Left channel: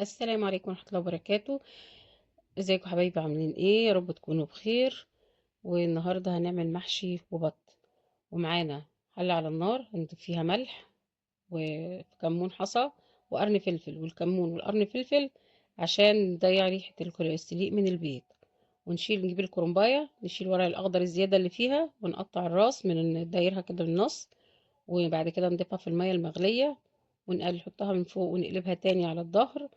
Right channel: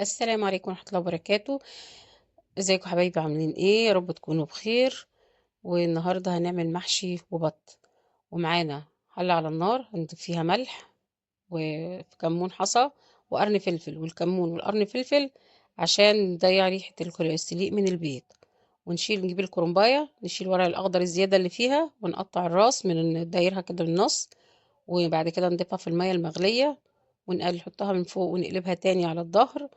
السلام عليكم ورحمة الله وبركاته. ازيكم حبايبي، عاملين ايه؟ يا رب تكونوا بخير. والنهاردة هنعمل محشي وبط، ومعانا حلة على النار هنضيف فيها ملح وكمون حصى وقرن فلفل، والكمون والقرن فلفل عشان نضيع ريحة السليق من البيض. نجيب الكرنباية، نشيل الورق الأخضر الزيادة اللي فيها ونقطع الراس من دايرها كده بالنص، وبعد كده نضيفها في المية المغلية نحطها من فوق ونقلبها تاني على الظهر،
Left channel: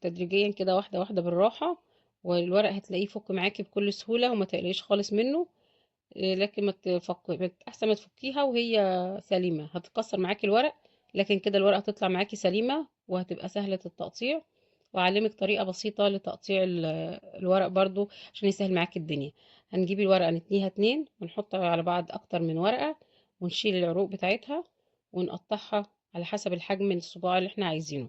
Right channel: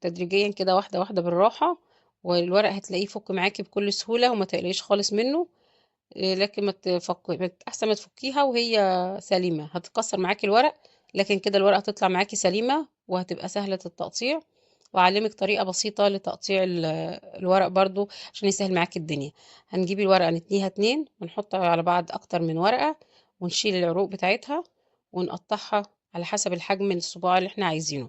تدريجيا كده واحدة واحدة بالراحة. والورق هتلاقيه يفك معاكي بكل سهولة وما تقلقيش خالص منه. لكن احسن ما تفكيها وهي سليمة هتتكسر معاكي الورق، لكن كده الورقة هتطلع معاكي سليمة وهتبقى سهلة التقطيع. وأعلمك طريقة بسيطة لتقطيع الورق برضو عشان يسهل معاكي الدنيا. هنجيب الورقة نتنيها اتنين ونحطها على بعض أكتر من ورقة، ونشيل العروق بتاعتها ونقطعها على حسب الحجم من الصباع اللي احنا عايزينه،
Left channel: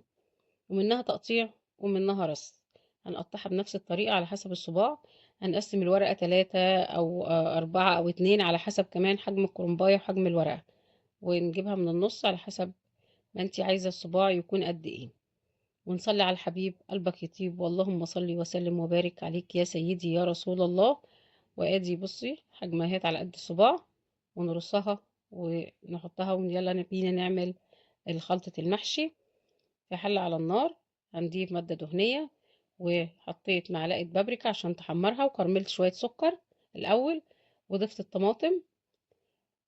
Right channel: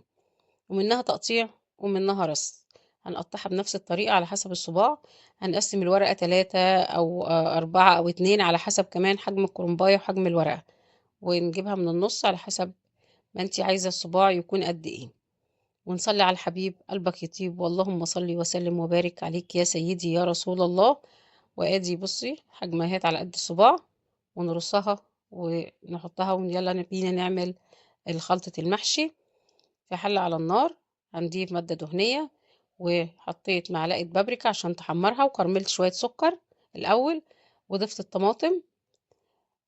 ومنها تقطيع ومنها رص. هنقطعها بنفس الطريقة على حسب الصباع. هنقسم الورقة 3 أو 4 أو 2 على حسب كمان حجم الكرنباية وحجم الورقة، ونجيبها من النص على حسب ما انتي عايزة الصباع يكون قد ايه. ونصلي على الحبيب قلبك يطيب، واللهم صل وسلم وبارك عليك يا سيدي يا رسول الله. وادي بصي حجمها على قد الصباع، ونرصها ونحطها ويلا بينا نعمل خلطة المحشي. في حلة على النار هنضيف مادة دهنية، وحطيت معلقة بابريكا عشان تحمرها، وكرملت شوية سكر الأول، وضفت الطماطم.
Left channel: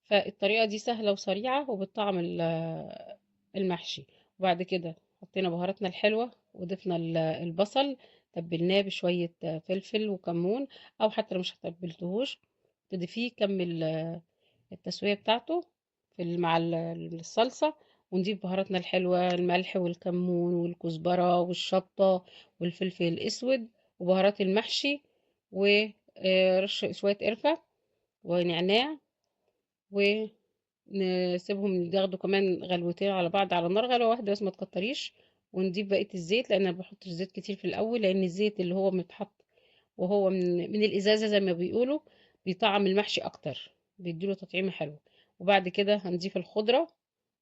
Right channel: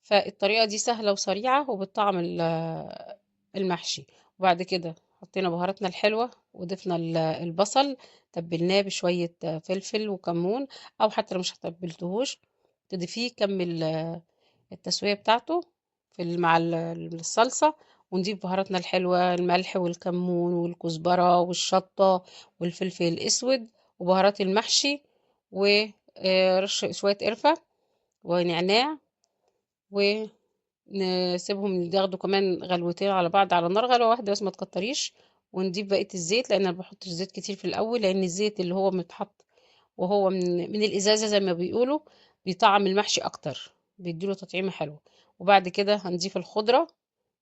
فالطريقة دي سهلة وسريعة وبتطعم المحشي. وبعد كده حطينا بهاراتنا الحلوة وضفنا البصل، تبلناه بشوية فلفل وكمون، أو حتى لو مش هتبلتهوش تضيفيه كمل التسوية بتاعته مع الصلصة. ونضيف بهاراتنا الحلوة، الملح والكمون والكزبرة والشطة والفلفل الأسود وبهارات المحشي، ورش شوية قرفة ونعناع، ونسيبهم ياخدوا كمان غلوتين على بعض على النار، غلوة واحدة بس ما تكتريش. ونضيف بقية الزيت، لأن أنا بحطش زيت كتير في الأول، لأن الزيت اللي هو متحط وهو من الإزازة زي ما بيقولوا بيطعم المحشي أكتر، بيديله تطعيمة حلوة. وبعد كده هنضيف الخضرة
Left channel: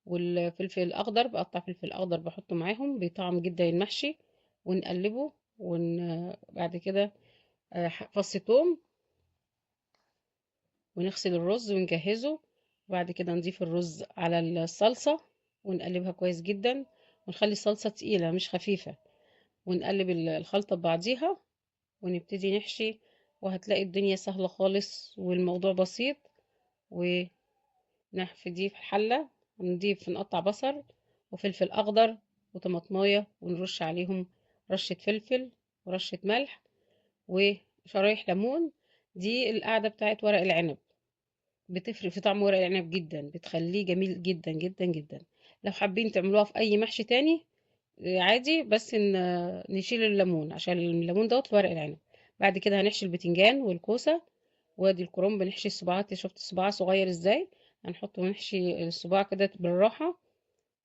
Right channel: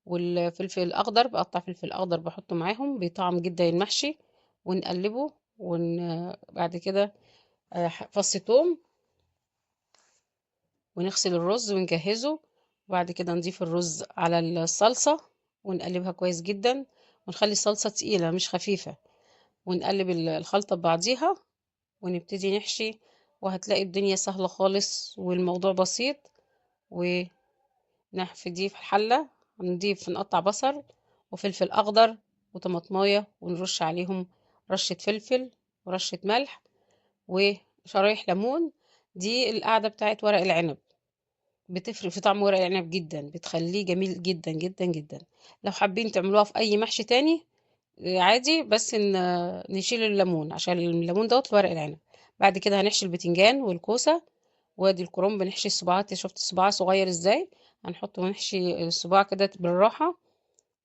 والفلفل الأخضر، بقطع فلفل أخضر بحطه معاهم بيطعم جدا المحشي. ونقلبه بعد كده فص توم، ونغسل الرز ونجهزه. وبعد كده نضيف الرز على الصلصة ونقلبها كويس جدا، ونخلي الصلصة تقيلة مش خفيفة، ونقلب الخلطة ببعضيها ونبتدي نحشي. وهتلاقي الدنيا سهلة خالص والموضوع بسيط. ونحفظيه في الحلة، نقطع بصل وفلفل أخضر وطماطماية، ونرش عليهم رشة فلفل ورشة ملح وشرايح ليمون. دي القاعدة بتاعت ورق العنب، بتفرق في طعم ورق العنب جدا، بتخليه جميل جدا جدا جدا. لو حابين تعملوها في أي محشي تاني عادي، بس نشيل الليمون عشان الليمون دوت في ورق العنب. بعد كده هنحشي البتنجان والكوسة، وادي الكرنب بنحشي الصباعات. شفت الصباع صغير ازاي؟ هنحطه ونحشي الصباع كده بالراحة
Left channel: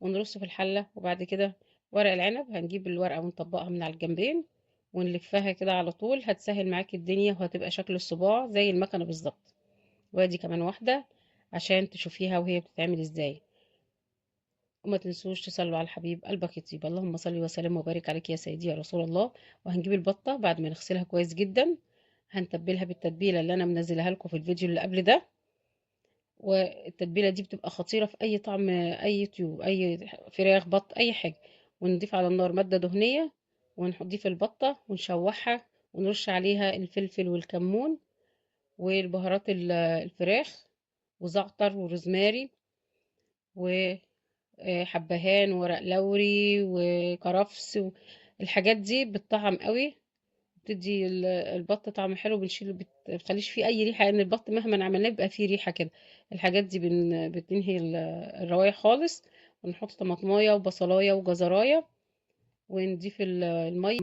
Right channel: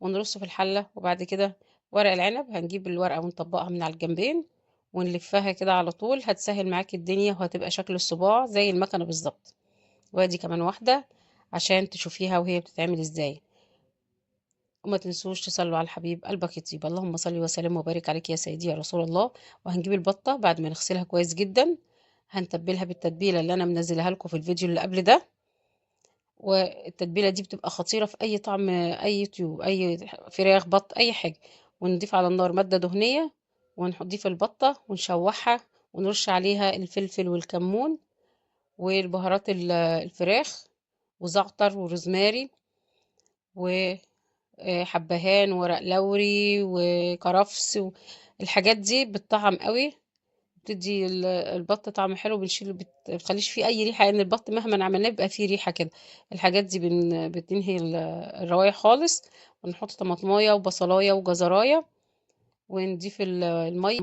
ونرصه في الحلة. وبعد كده ورق العنب هنجيب الورقة ونطبقها من على الجنبين ونلفها كده على طول، هتسهل معاكي الدنيا وهتبقى شكل الصباع زي المكنة بالظبط. وادي كمان واحدة عشان تشوفيها وهي بتتعمل ازاي. وما تنسوش تصلوا على الحبيب قلبك يطيب، اللهم صل وسلم وبارك عليك يا سيدي يا رسول الله. وهنجيب البطة بعد ما نغسلها كويس جدا، هنتبلها بالتتبيلة اللي انا منزلها لكم في الفيديو اللي قبل ده. والتتبيلة دي بتبقى خطيرة في اي طعم، اي طيور، اي فراخ، بط، اي حاجة. ونضيف على النار مادة دهنية، ونضيف البطة ونشوحها، ونرش عليها الفلفل والكمون والبهارات الفراخ وزعتر وروزماري وحبهان وورق لوري وكرفس الحاجات دي بتطعم قوي، بتدي البط طعم حلو. بنشيله بتخليش فيه اي ريحه، لان البط مهما عملناه بيبقى فيه ريحه كده. الحاجات دي بتنهي الروايح خالص. ونحط طماطمايه وبصلايه وجزرايه، ونضيف الميه